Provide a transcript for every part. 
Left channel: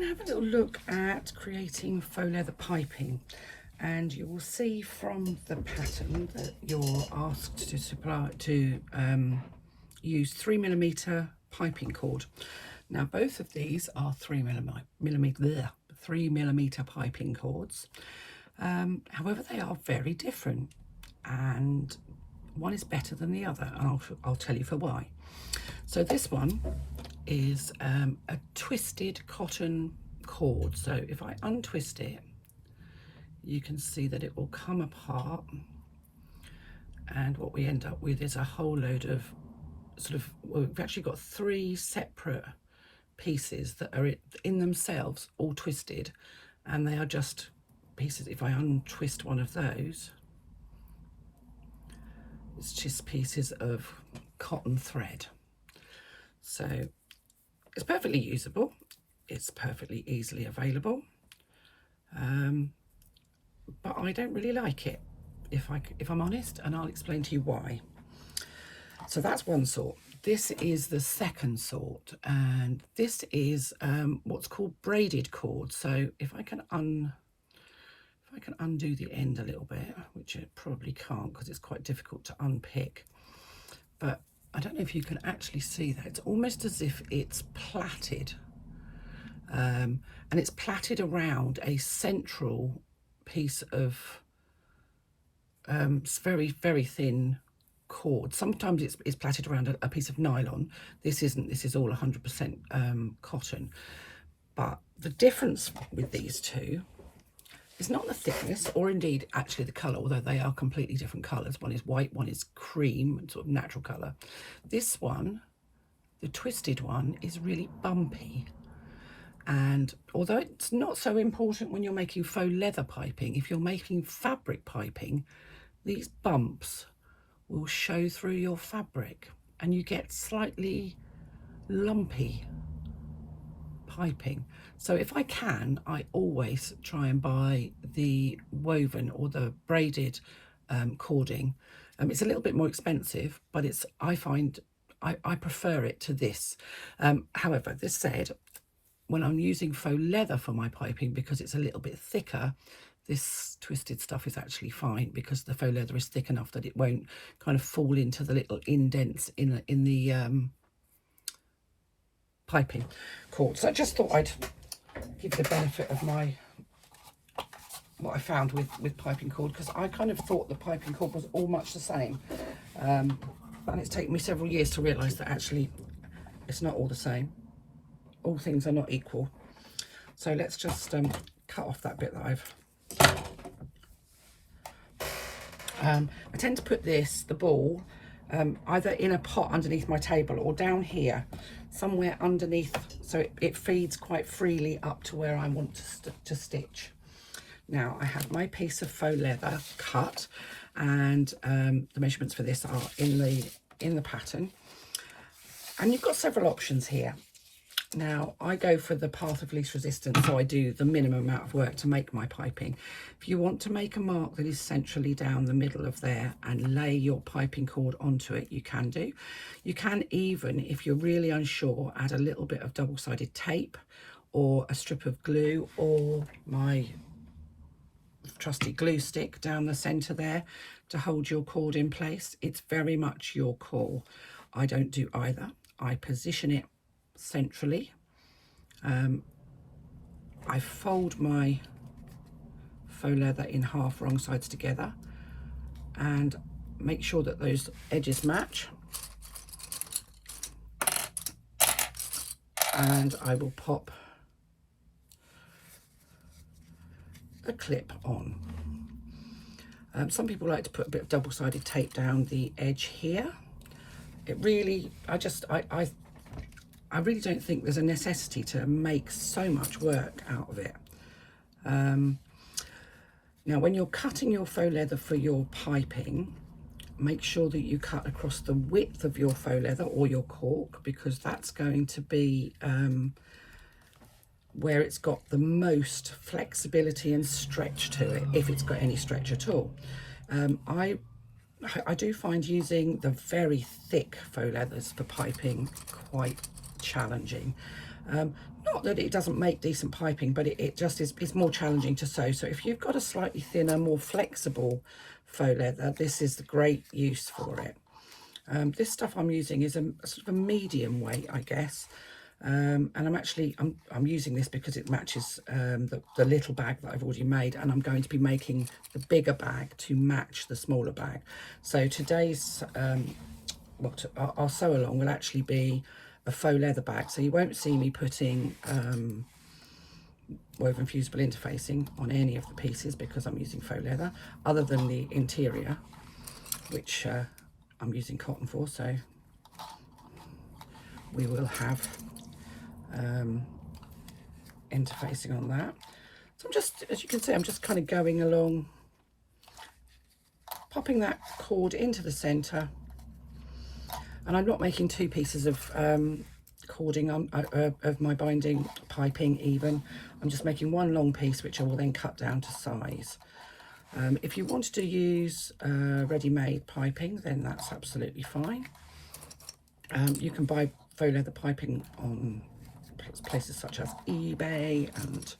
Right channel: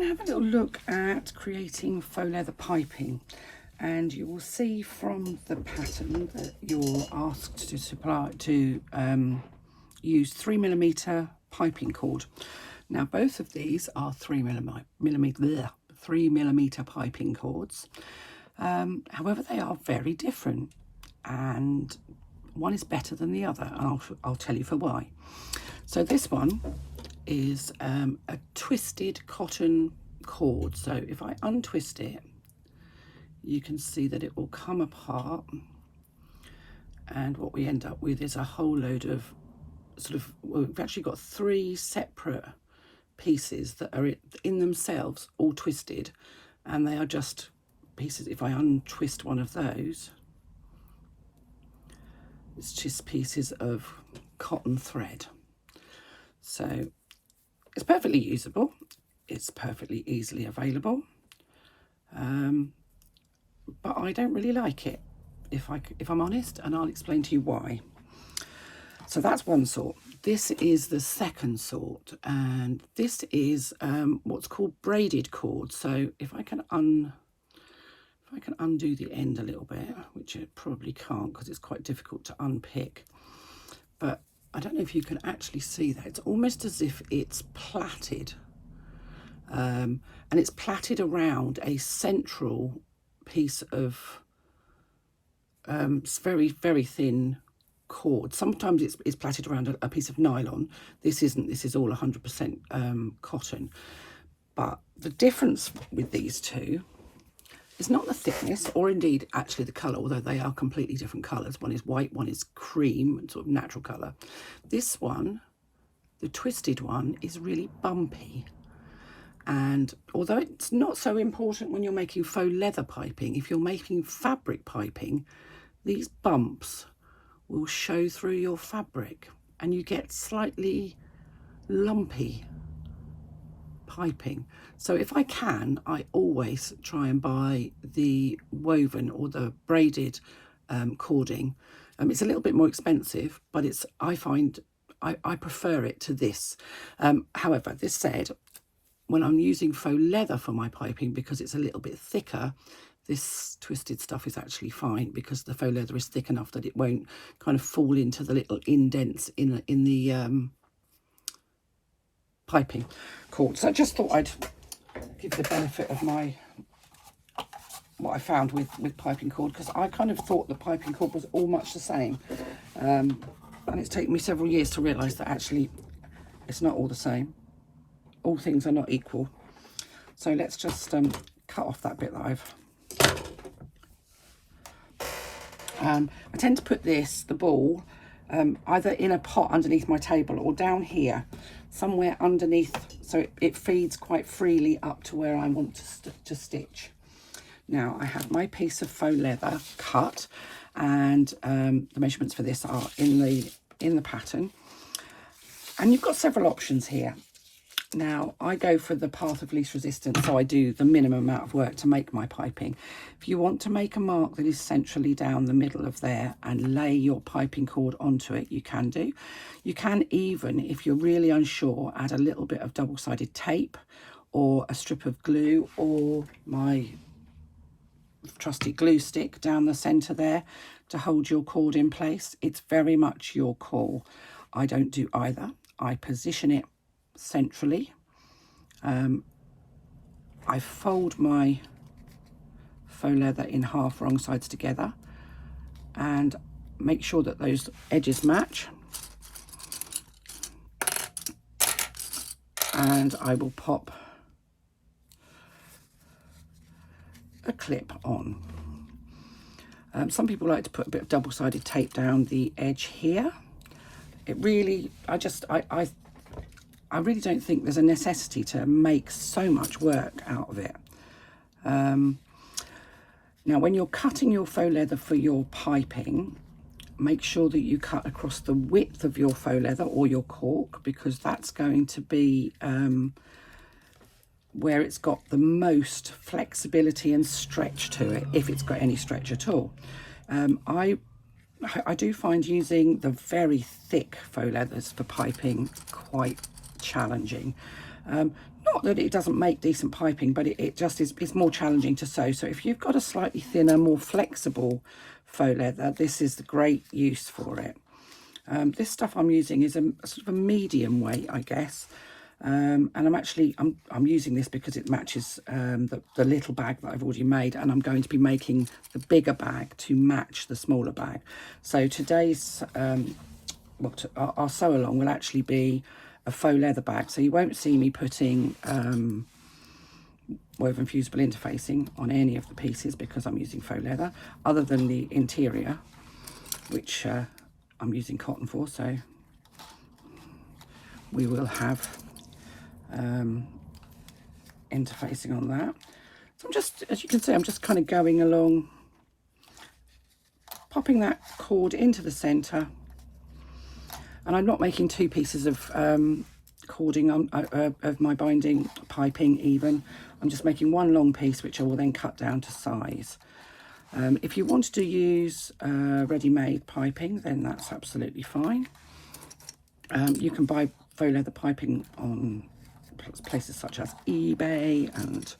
going to have a little look at creating faux leather piping, and you will see from the pattern that you're asked to use 3mm piping cord. Now both of these are 3mm piping cords. However, they are very different, and one is better than the other, and I'll tell you for why. So this one is a twisted cotton cord. So if I untwist it, you can see that it will come apart, and what we end up with is a whole load of well, we've actually got 3 separate pieces that are in themselves all twisted, and they are just pieces. If I untwist one of those, it's just pieces of cotton thread. So it's perfectly usable, it's perfectly easily available, but I don't really like it, if I'm honest, and I'll explain to you why. So that's one sort. This is the second sort, and this is what's called braided cord. So if I can undo the end a little bit, which I probably can't because it's quite difficult to unpick, but I don't know if you can actually see that. It's almost as if it's plaited, and it's plaited around a central piece of very, very thin cord. Sometimes it's plaited around a piece of nylon. This isn't. This is all 100% cotton. But the difference with these two is not the thickness, or indeed actually the colour, although they are completely different colours. One is white, one is cream, sort of natural colour. This one, the twisted one, is really bumpy. And although it's not so important when you're making faux leather piping, if you're making fabric piping, these bumps will show through your fabric and you get slightly lumpy piping. So if I can, I always try and buy the woven or the braided cording. It's a little bit more expensive, but I find I prefer it to this. However, this said, when I'm using faux leather for my piping, because it's a little bit thicker, this twisted stuff is actually fine, because the faux leather is thick enough that it won't kind of fall into the little indents in the piping cord. So I just thought I'd give the benefit of what I found with piping cord, because I kind of thought the piping cord was all much the same, and it's taken me several years to realise that actually it's not all the same. All things are not equal. So let's just cut off that bit that I've I tend to put the ball either in a pot underneath my table or down here somewhere underneath, so it feeds quite freely up to where I want to stitch. Now I have my piece of faux leather cut, and the measurements for this are in the pattern, and you've got several options here. Now I go for the path of least resistance, so I do the minimum amount of work to make my piping. If you want to make a mark that is centrally down the middle of there and lay your piping cord onto it, you can do. You can even, if you're really unsure, add a little bit of double-sided tape or a strip of glue, or my trusty glue stick down the centre there to hold your cord in place. It's very much your call. I don't do either. I position it centrally. I fold my faux leather in half, wrong sides together, and make sure that those edges match, and I will pop a clip on. Some people like to put a bit of double-sided tape down the edge here. It really, I really don't think there's a necessity to make so much work out of it. Now, when you're cutting your faux leather for your piping, make sure that you cut across the width of your faux leather or your cork, because that's going to be where it's got the most flexibility and stretch to it, if it's got any stretch at all. I do find using the very thick faux leathers for piping quite challenging. Not that it doesn't make decent piping, but it just is more challenging to sew. So if you've got a slightly thinner, more flexible faux leather, this is the great use for it. This stuff I'm using is a sort of a medium weight, I guess. And I'm using this because it matches the little bag that I've already made, and I'm going to be making the bigger bag to match the smaller bag. So today's our sew along will actually be a faux leather bag, so you won't see me putting woven fusible interfacing on any of the pieces because I'm using faux leather, other than the interior, which I'm using cotton for, so we will have interfacing on that. So I'm just, as you can see, I'm just kind of going along, popping that cord into the centre, and I'm not making two pieces of cording on of my binding piping even. I'm just making one long piece which I will then cut down to size. If you wanted to use ready-made piping, then that's absolutely fine. You can buy faux leather piping on places such as eBay and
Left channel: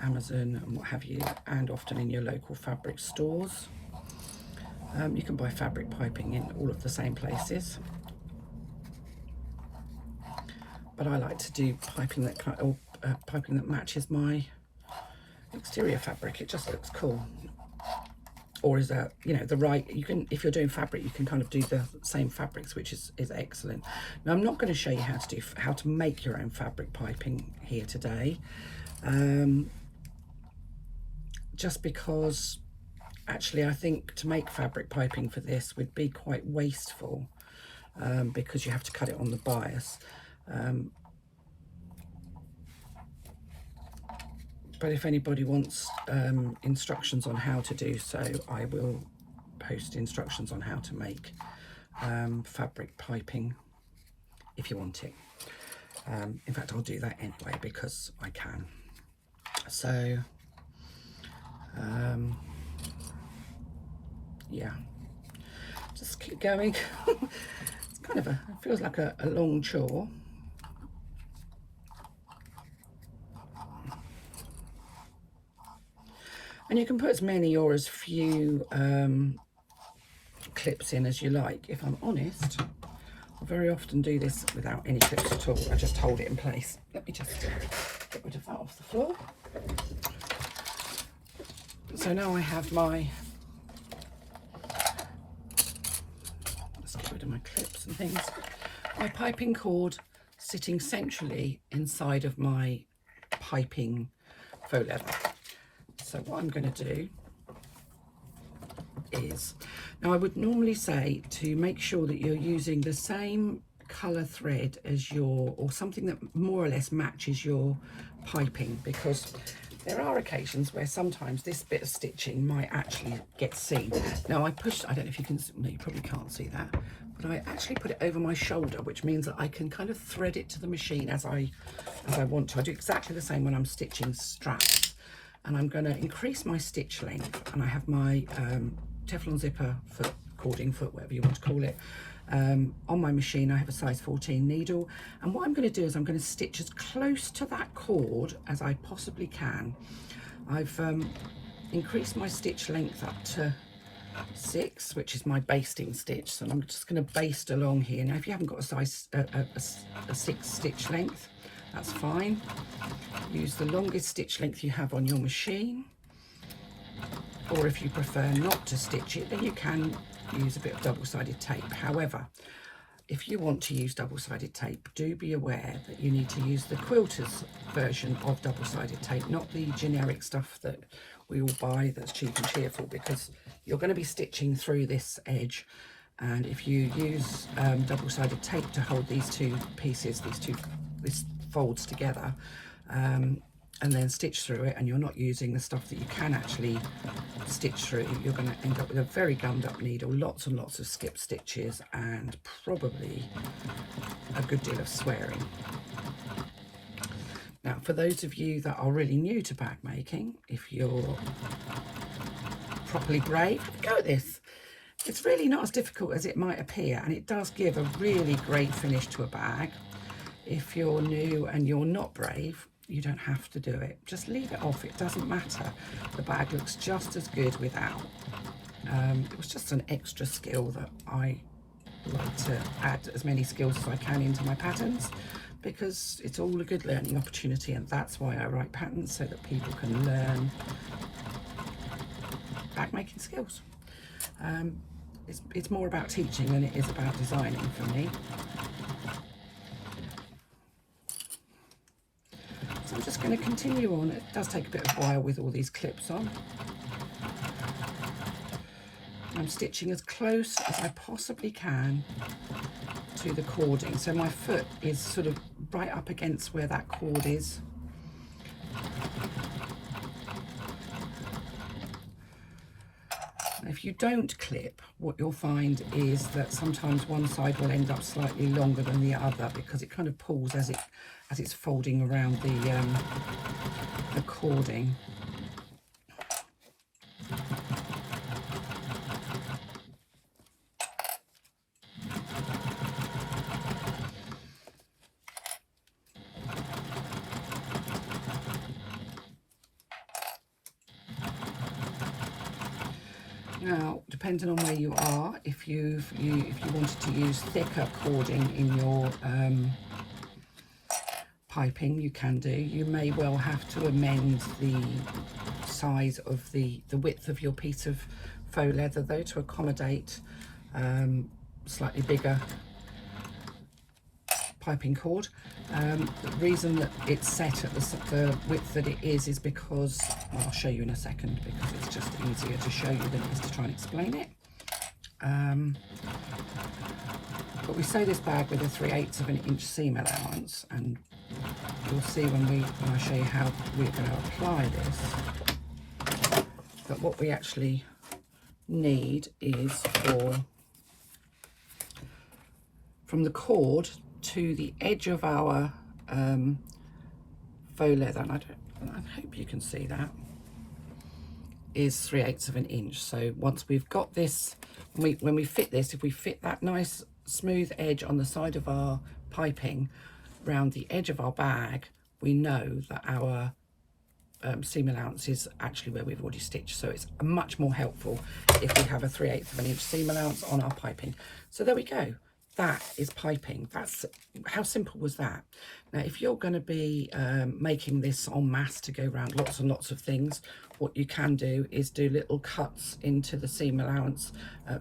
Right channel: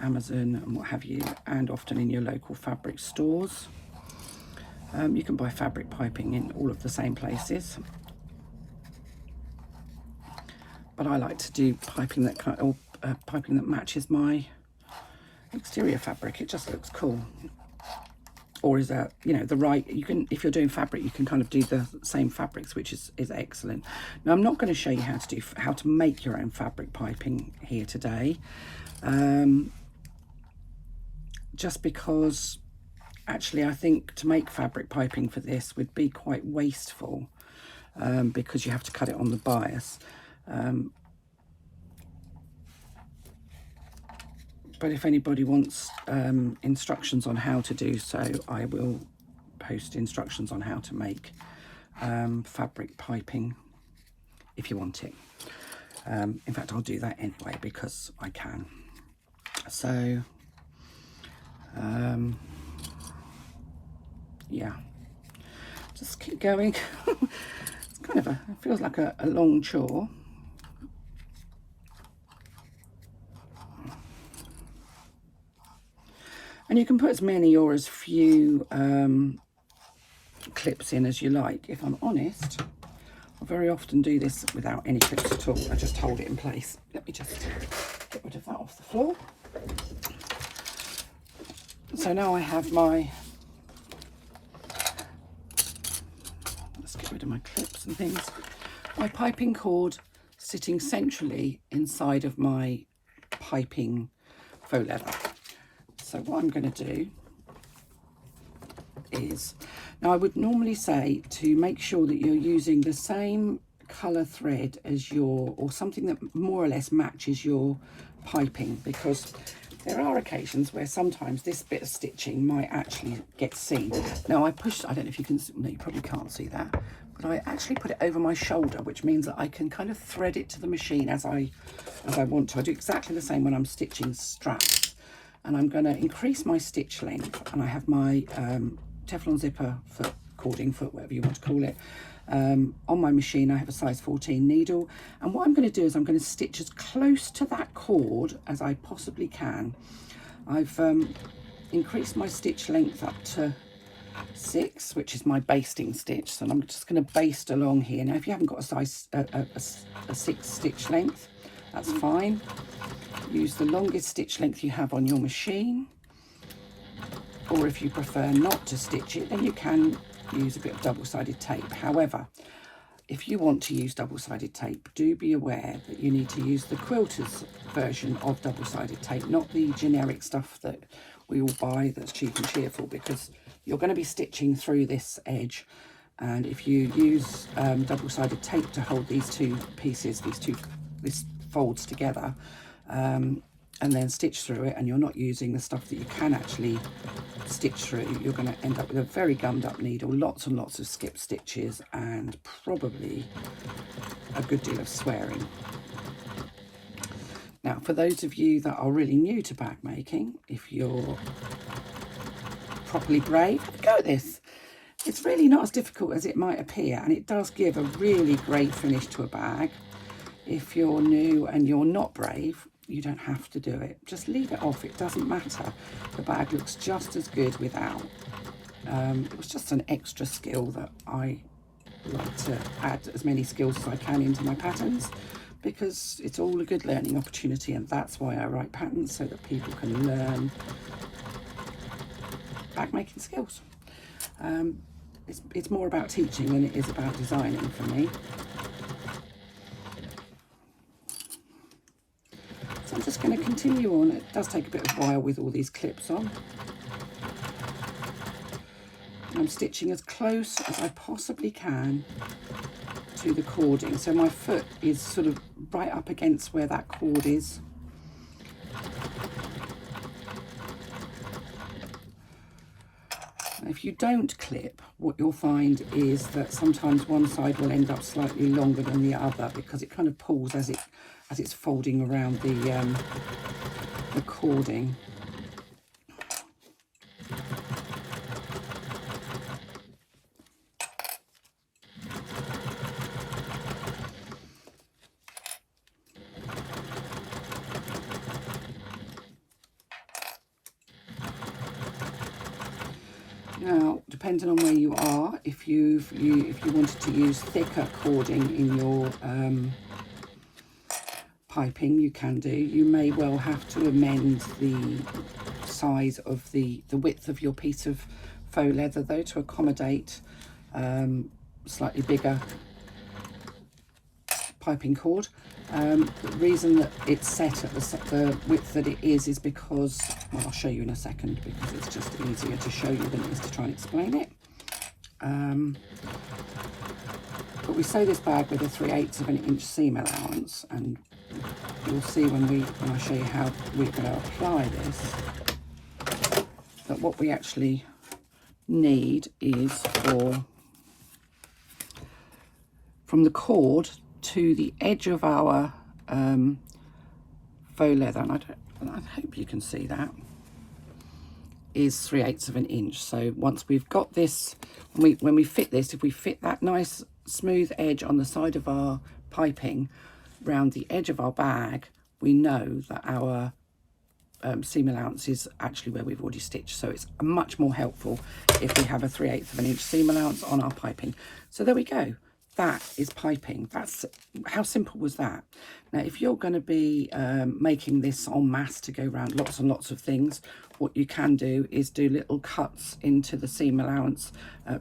Amazon and what have you, and often in your local fabric stores. You can buy fabric piping in all of the same places, but I like to do piping that matches my exterior fabric. It just looks cool. Or is that, you know, the right, you can, if you're doing fabric, you can kind of do the same fabrics, which is excellent. Now, I'm not going to show you how to make your own fabric piping here today, just because actually I think to make fabric piping for this would be quite wasteful, because you have to cut it on the bias. But if anybody wants instructions on how to do so, I will post instructions on how to make fabric piping if you want it. In fact, I'll do that anyway because I can. So, yeah, just keep going. It's kind of it feels like a long chore. And you can put as many or as few clips in as you like. If I'm honest, I very often do this without any clips at all. I just hold it in place. Let me just get rid of that off the floor. So now I have my, let's get rid of my clips and things, my piping cord sitting centrally inside of my piping faux leather. So what I'm going to do is, now I would normally say to make sure that you're using the same colour thread as or something that more or less matches your piping, because there are occasions where sometimes this bit of stitching might actually get seen. Now I don't know if you can, no, you probably can't see that, but I actually put it over my shoulder, which means that I can kind of thread it to the machine as I want to. I do exactly the same when I'm stitching straps. And I'm going to increase my stitch length, and I have my Teflon zipper foot, cording foot, whatever you want to call it, on my machine. I have a size 14 needle, and what I'm going to do is I'm going to stitch as close to that cord as I possibly can. I've increased my stitch length up to 6, which is my basting stitch, so I'm just going to baste along here. Now if you haven't got a size a 6 stitch length, that's fine. Use the longest stitch length you have on your machine, or if you prefer not to stitch it, then you can use a bit of double-sided tape. However, if you want to use double-sided tape, do be aware that you need to use the quilter's version of double-sided tape, not the generic stuff that we all buy that's cheap and cheerful, because you're going to be stitching through this edge, and if you use double-sided tape to hold these two pieces, these folds together, and then stitch through it, and you're not using the stuff that you can actually stitch through, you're going to end up with a very gummed up needle, lots and lots of skip stitches, and probably a good deal of swearing. Now, for those of you that are really new to bag making, if you're properly brave, have a go at this. It's really not as difficult as it might appear, and it does give a really great finish to a bag. if you're new and you're not brave, you don't have to do it. Just leave it off, it doesn't matter. The bag looks just as good without. It was just an extra skill that I like to add as many skills as I can into my patterns, because it's all a good learning opportunity, and that's why I write patterns, so that people can learn bag making skills. It's more about teaching than it is about designing for me. So I'm just going to continue on. It does take a bit of a while with all these clips on. I'm stitching as close as I possibly can to the cording, so my foot is sort of right up against where that cord is. If you don't clip, what you'll find is that sometimes one side will end up slightly longer than the other, because it kind of pulls as it's folding around the cording. Now, depending on where you are, if you wanted to use thicker cording in your piping, you can do. You may well have to amend the size of the width of your piece of faux leather, though, to accommodate slightly bigger piping cord. The reason that it's set at the width that it is because, well, I'll show you in a second, because it's just easier to show you than it is to try and explain it. But we sew this bag with a 3/8 of an inch seam allowance, and you'll see when I show you how we're going to apply this, that what we actually need is from the cord to the edge of our faux leather, and I hope you can see that, is 3/8 of an inch. So once we've got this, when we fit this, if we fit that nice smooth edge on the side of our piping round the edge of our bag, we know that our seam allowance is actually where we've already stitched. So it's much more helpful if we have a 3/8 of an inch seam allowance on our piping. So there we go. That is piping. That's how simple was that. Now, if you're going to be making this en masse to go around lots and lots of things, what you can do is do little cuts into the seam allowance,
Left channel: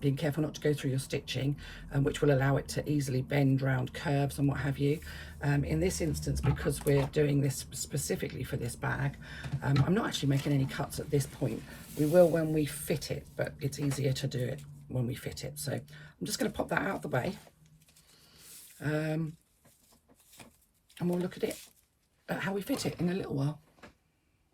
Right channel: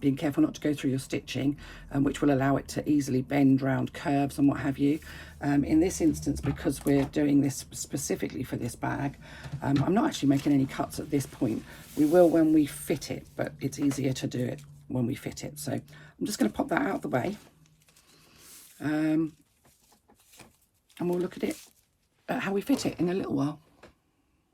being careful not to go through your stitching, which will allow it to easily bend round curves and what have you. In this instance, because we're doing this specifically for this bag, I'm not actually making any cuts at this point. We will when we fit it, but it's easier to do it when we fit it. So I'm just going to pop that out of the way. And we'll look at it, at how we fit it in a little while.